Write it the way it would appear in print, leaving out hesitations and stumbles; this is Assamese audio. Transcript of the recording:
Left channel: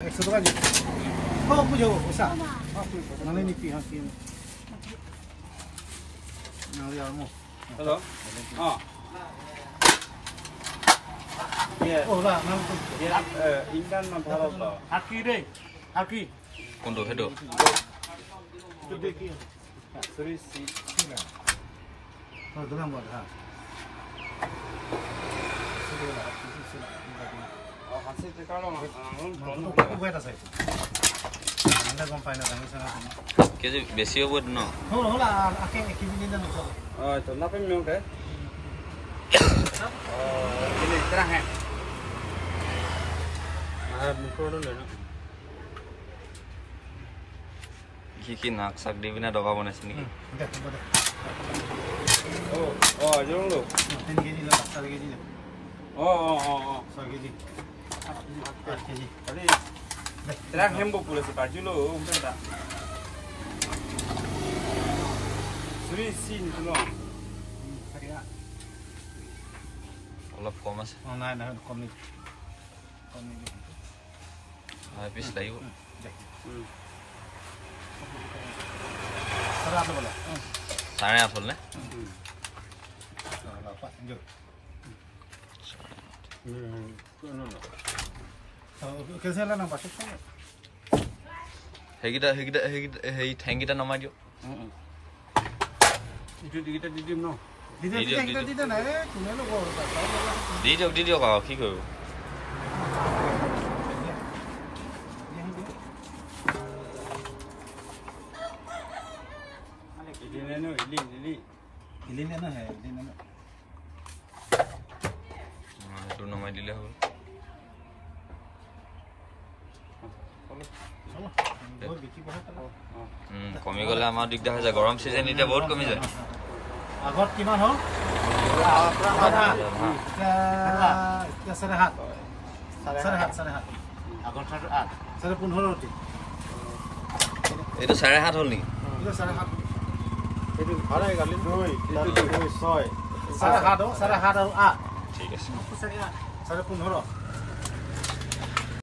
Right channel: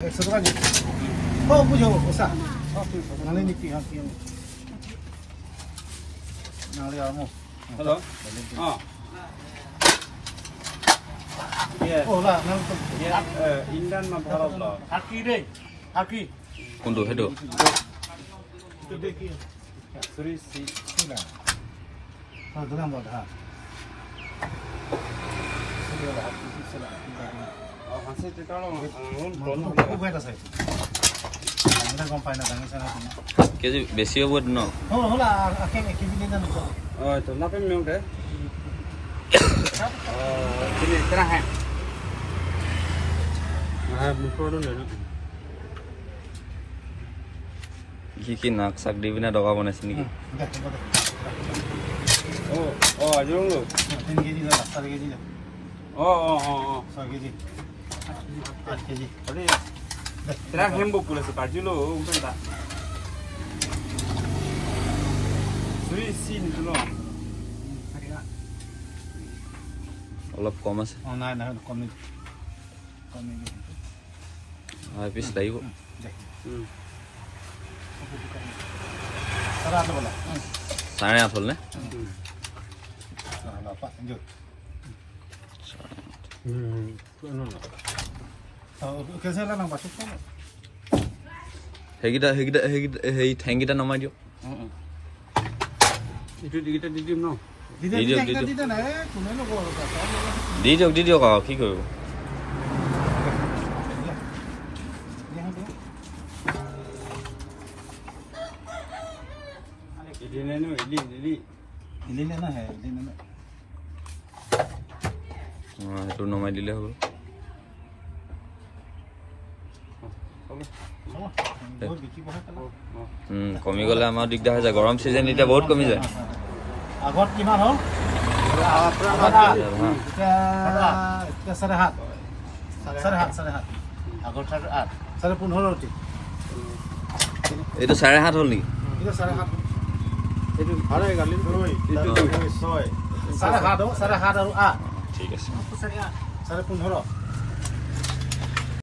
100 টাকা দি ও বুঝো ওসা নালে নি কি হাকি নালে আমো হ্যালো ও না নাম তো ইন্ডিয়ান না ভারত হাকি রে হাকি কোনটো হেটো তো দেখি সরি সি না হ্যাঁ দুনা মত হ্যাঁ কেজি বেছি হ'ব ন কি নাক চাক দি পিনে টকা বনাইছে নেকি অলপ কম আছে পিছ লাগিব 8.5 হ'ল নে সেইকেইটা সেই ঠেংকেইটা নমাই দিয়ক দি দিয়ক আৰু কি কৰিব সেইটো নমাই দিলে হ'ব কমি গ'লে আমাৰ দিগদাৰ হৈ যায় গৰম চিজন এতিয়া বহুত কমি যায় আগত কিমান হ'ল এইটো 7.5 হ'ল নেকি ঠিক আছে 15.5